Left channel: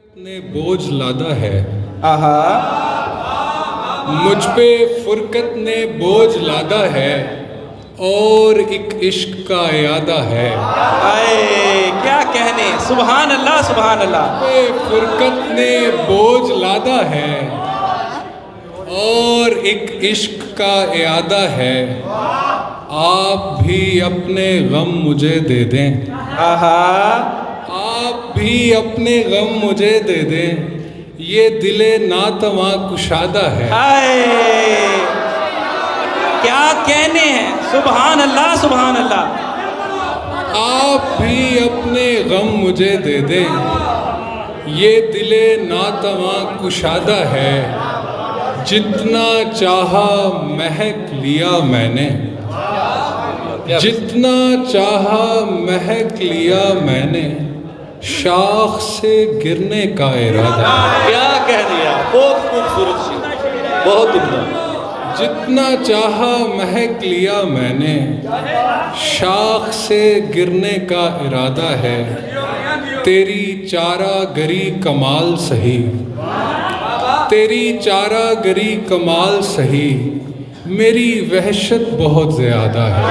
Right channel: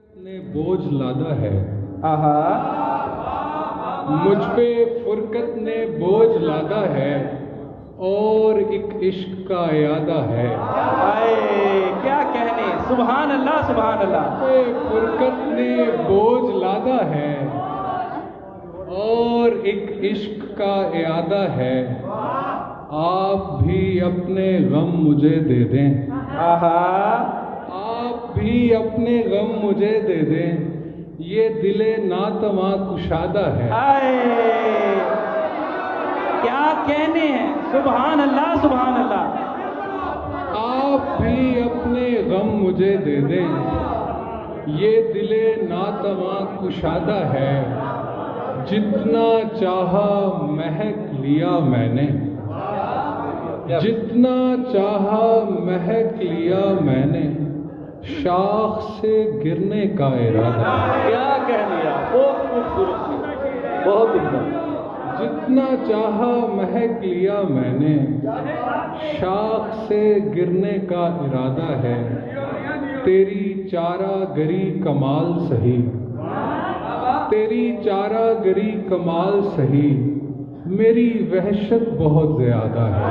فرقت نے بوجھ لادا ہے، آہا مجھ پہ فرقت نے بوجھ لادا ہے، اور ایک عشق کا اعادہ ہے۔ آئے کیا کہنے، سبحان اللہ سبحان اللہ۔ پہ فرقت نے بوجھ لادا ہے، اور ایک عشق کا اعادہ ہے۔ آپ بھی اپنے غم مجھے دے دیں، آہا آپ بھی اپنے غم مجھے دے دیں، یہ دل ناتواں کشادہ ہے۔ آئے کیا کہنے ہیں، سبحان اللہ سبحان اللہ۔ آپ بھی اپنے غم مجھے دے دیں، یہ دل ناتواں کشادہ ہے۔ جتنا چاہا مہک لیا میں نے، جتنا چاہا مہک لیا میں نے، شاخ سے گرنے کا ارادہ ہے۔ کیا کہنے ہیں، بہت خوبصورت شعر، بہت عمدہ۔ جتنا چاہا مہک لیا میں نے، شاخ سے گرنے کا ارادہ ہے۔ تیری چارہ گری کمال سہی، تیری چارہ گری کمال سہی، میری وحشت بہت زیادہ ہے۔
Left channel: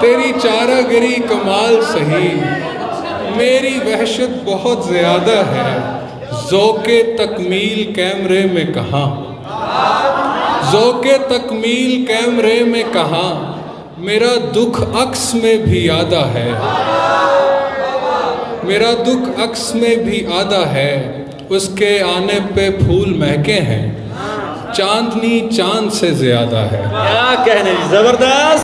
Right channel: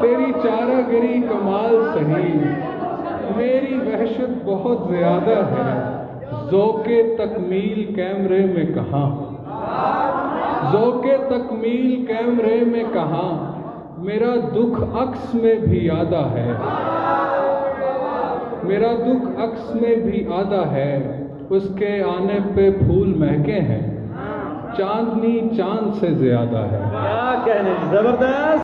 تیری چارہ گری کمال سہی، میری وحشت بہت زیادہ ہے۔ ذوق تکمیل کیمرے میں کہاں، ذوق تکمیل کیمرے میں کہاں، میرا دکھ عکس میں بھی آدھا ہے۔ میرا دکھ عکس میں بھی آدھا ہے، اس کے آنے پہ پھول مہکے ہیں، چاندنی چاند سے زیادہ ہے۔ کیا کہنے، زبردست۔